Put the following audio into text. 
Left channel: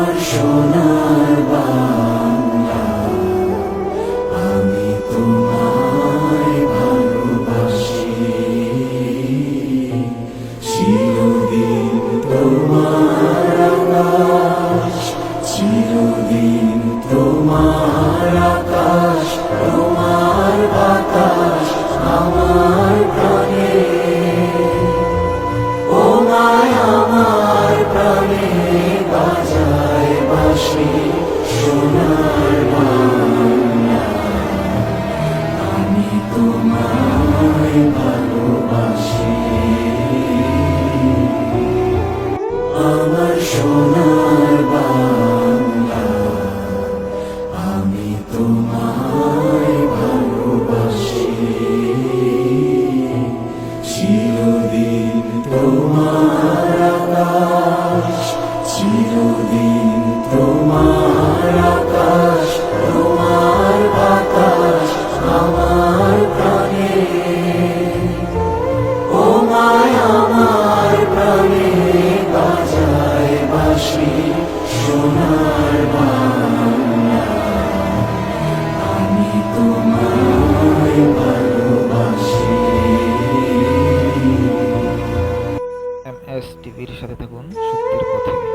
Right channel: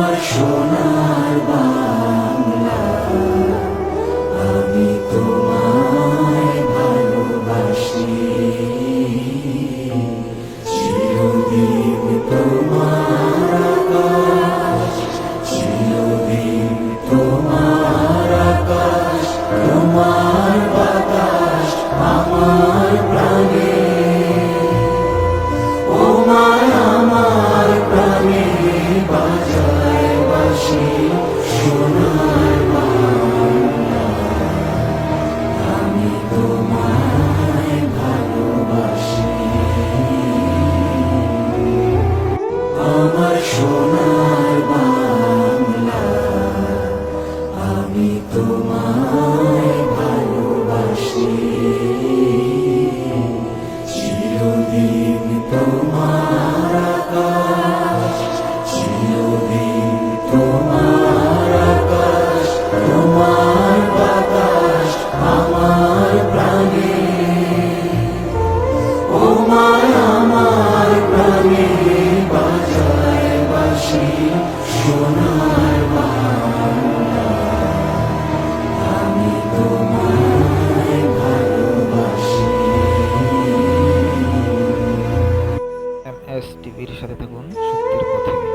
আমার সোনা। তোমার টিভির সাথে থাকুন সত্যের পথে।